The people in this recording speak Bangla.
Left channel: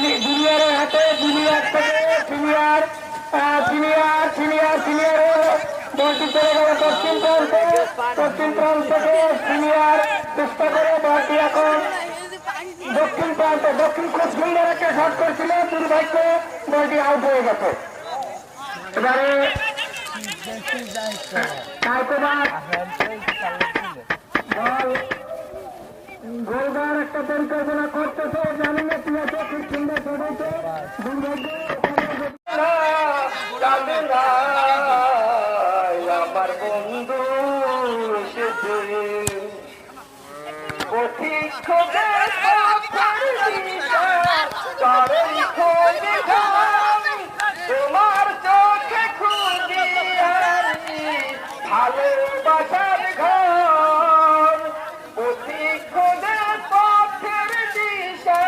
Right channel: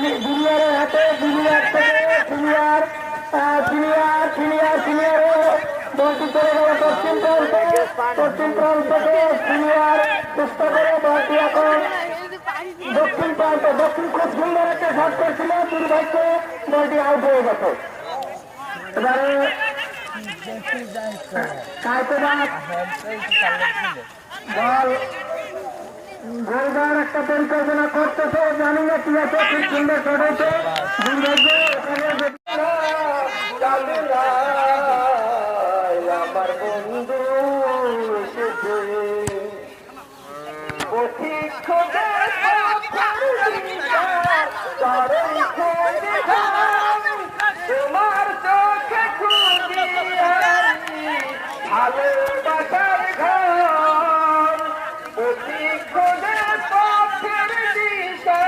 জুনিয়রের হাতে জুনিয়র থেকে সিনিয়র বলটি চলে গেল পশ্চিম প্রান্তে থেকে সিনিয়র চেষ্টা করে বলটি এখন দক্ষিণ প্রান্তে দক্ষিণ খুব সুন্দর একটা শট করছিল, দুর্ভাগ্য বলটি আউট হয়ে গেছে। এবারে বল গোলদার একটা পরিকল্পনা করতেছে, জানি না কি আছে, খুব সুন্দর শট হয়েছে, দুর্ভাগ্য আমার বন্ধু